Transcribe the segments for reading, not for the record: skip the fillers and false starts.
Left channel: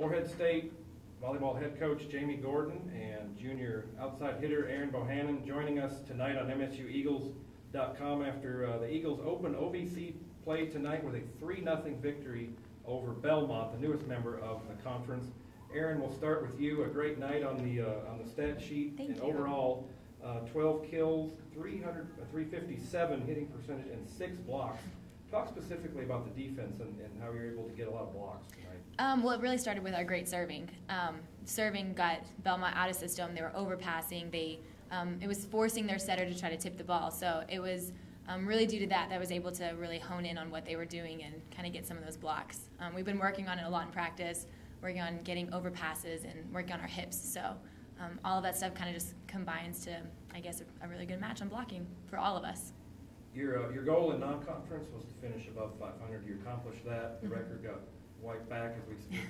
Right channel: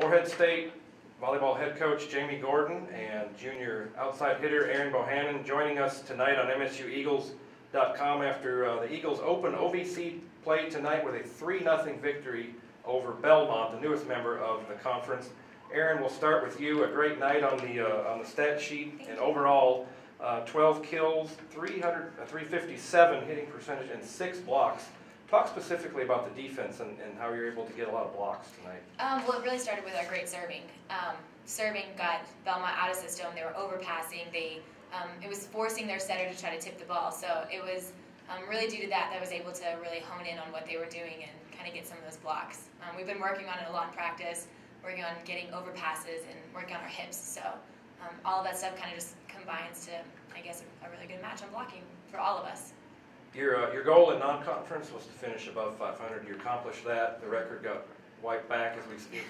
Morehead State volleyball head coach Jamie Gordon and junior outside hitter Aaron Bohannon joining us tonight on MSUEagles.com after the Eagles open OVC play tonight with a 3-0 victory over Belmont, the newest member of the conference. Aaron, we'll start with you. A great night on the stat sheet. Thank and you. Overall, 12 kills, 357 hitting percentage, and 6 blocks. Talk specifically about the defense and how you're able to get a lot of blocks tonight. Well, it really started with our great serving. Serving got Belmont out of system. They were overpassing. It was forcing their setter to try to tip the ball. So it was really due to that I was able to really hone in on what they were doing and kind of get some of those blocks. We've been working on it a lot in practice, working on getting overpasses and working on our hips. So all of that stuff kind of just combines to, I guess, a really good match on blocking for all of us. Your goal in non-conference was to finish above 500. You accomplished that. The record got wiped back as we speak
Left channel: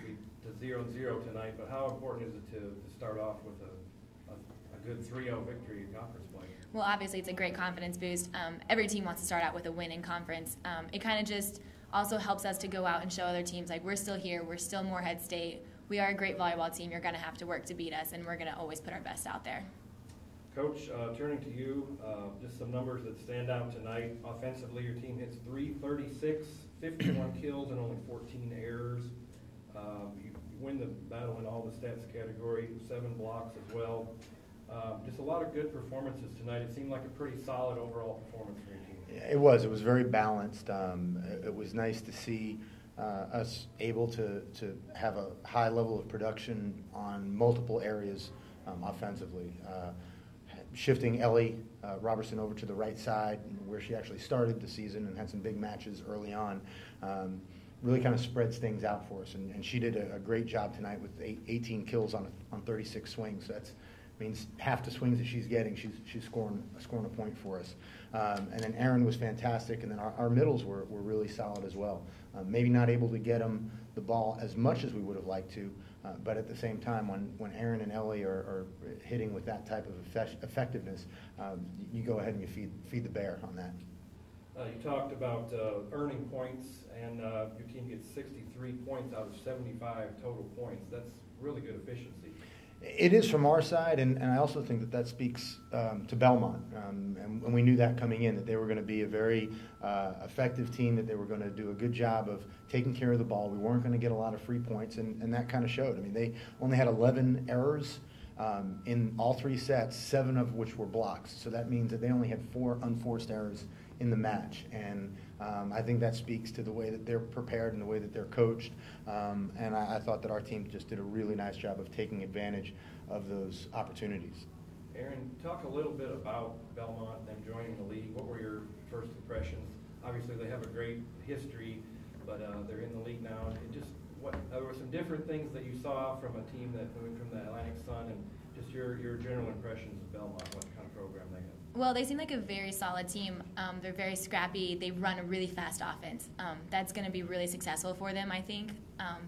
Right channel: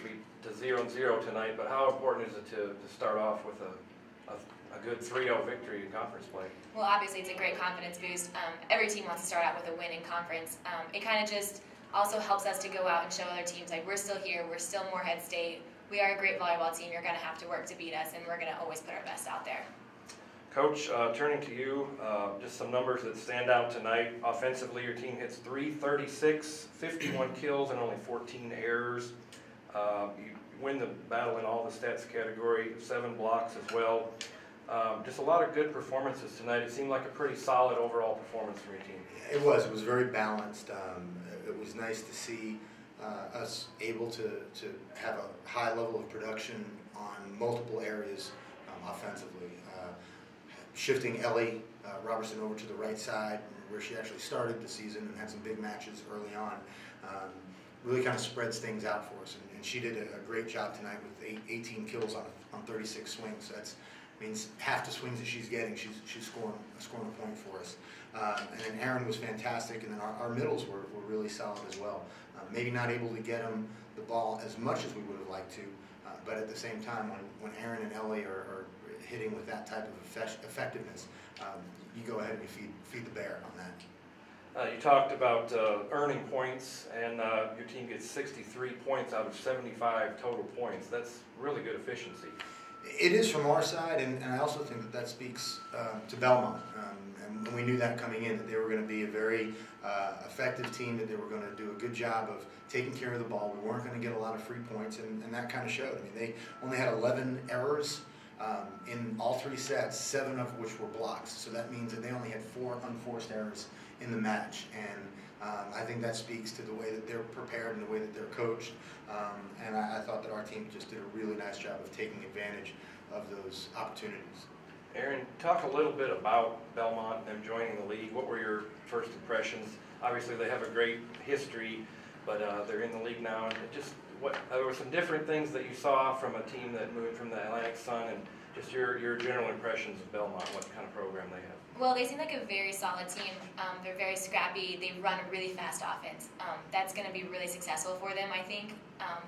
to 0-0 tonight. But how important is it to start off with a good 3-0 victory in conference play? Well, obviously it's a great confidence boost. Every team wants to start out with a win in conference. It kind of just also helps us to go out and show other teams, like, we're still here, we're still Morehead State, we are a great volleyball team, you're going to have to work to beat us, and we're going to always put our best out there. Coach, turning to you, just some numbers that stand out tonight. Offensively, your team hits .336, 51 kills, and only 14 errors. You win the battle in all the stats category, 7 blocks as well. Just a lot of good performances tonight. It seemed like a pretty solid overall performance from your team. It was very balanced. It was nice to see us able to have a high level of production on multiple areas offensively. Shifting Ellie Robertson over to the right side, where she actually started the season and had some big matches early on, really kind of spreads things out for us. And she did a great job tonight with 18 kills on 36 swings. So that means half the swings that she's getting, she's scoring a point for us. And then Aaron was fantastic, and then our middles were really solid as well. Maybe not able to get them the ball as much as we would have liked to, but at the same time, when Aaron and Ellie are hitting with that type of effectiveness, you go ahead and you feed the bear on that. You talked about earning points, and your team gets 63 points out of 75 total points. That's really good efficiency. It is from our side, and I also think that speaks to Belmont. And we knew that coming in, that they were going to be a very effective team, that they were going to do a good job of taking care of the ball. We weren't going to get a lot of free points, and that kind of showed. I mean, they only had 11 errors in all 3 sets, 7 of which were blocks. So that means that they only had 4 unforced errors in the match. And I think that speaks to the way that they're prepared and the way that they're coached. And I thought that our team just did a really nice job of taking advantage of those opportunities. Aaron, talk a little bit about Belmont and them joining the league. What were your first impressions? Obviously, they have a great history, but they're in the league now. And just there were some different things that you saw from a team that moved from the Atlantic Sun, and just your general impressions of Belmont, what kind of program they have. Well, they seem like a very solid team. They're very scrappy. They run a really fast offense. That's going to be really successful for them, I think.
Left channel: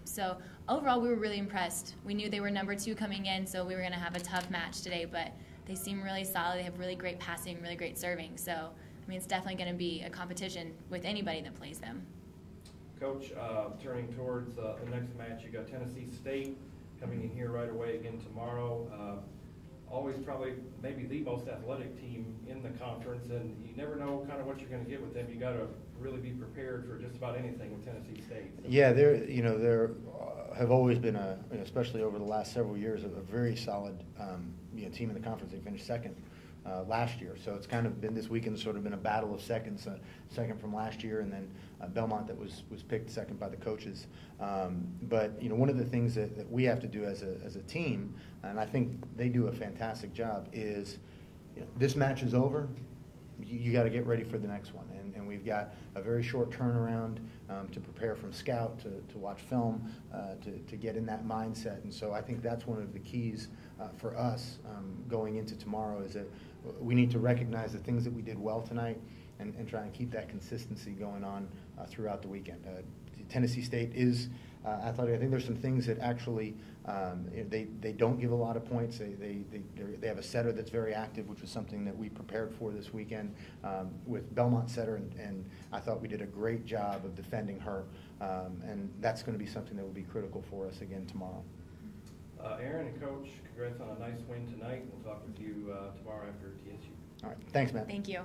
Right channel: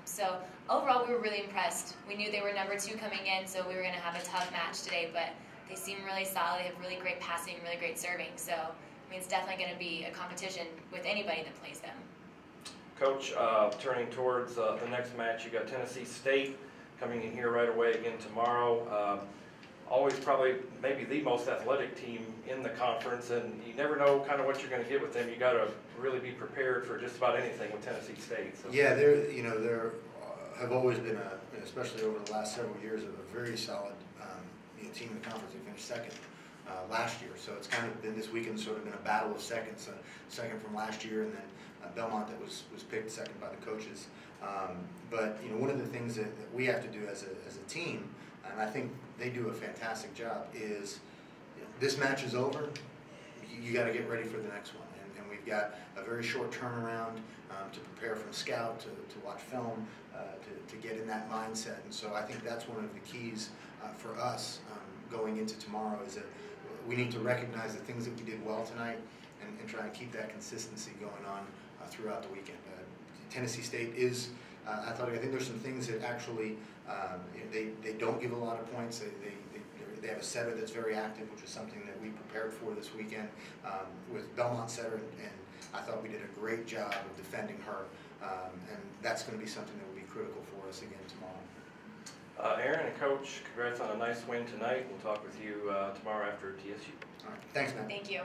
So overall, we were really impressed. We knew they were number 2 coming in, so we were going to have a tough match today, but they seem really solid. They have really great passing, really great serving. So, I mean, it's definitely going to be a competition with anybody that plays them. Coach, turning towards the next match, you got Tennessee State coming in here right away again tomorrow. Always probably maybe the most athletic team in the conference, and you never know kind of what you're going to get with them. You got to really be prepared for just about anything with Tennessee State. So. Yeah, there have always been especially over the last several years, a very solid team in the conference. They finished second last year, so it's kind of been this weekend sort of been a battle of seconds. Second from last year, and then Belmont that was picked second by the coaches. But one of the things that we have to do as a team, and I think they do a fantastic job, is this match is over, you got to get ready for the next one. And we've got a very short turnaround to prepare from scout, to watch film, to get in that mindset. And so I think that's one of the keys for us going into tomorrow, is that we need to recognize the things that we did well tonight and try and keep that consistency going on throughout the weekend. Tennessee State is, I think there's some things that actually they don't give a lot of points. They have a setter that's very active, which was something that we prepared for this weekend with Belmont setter, and I thought we did a great job of defending her. And that's going to be something that will be critical for us again tomorrow. Aaron and Coach, congrats on a nice win tonight. We'll talk with you tomorrow after TSU. All right. Thanks, man. Thank you.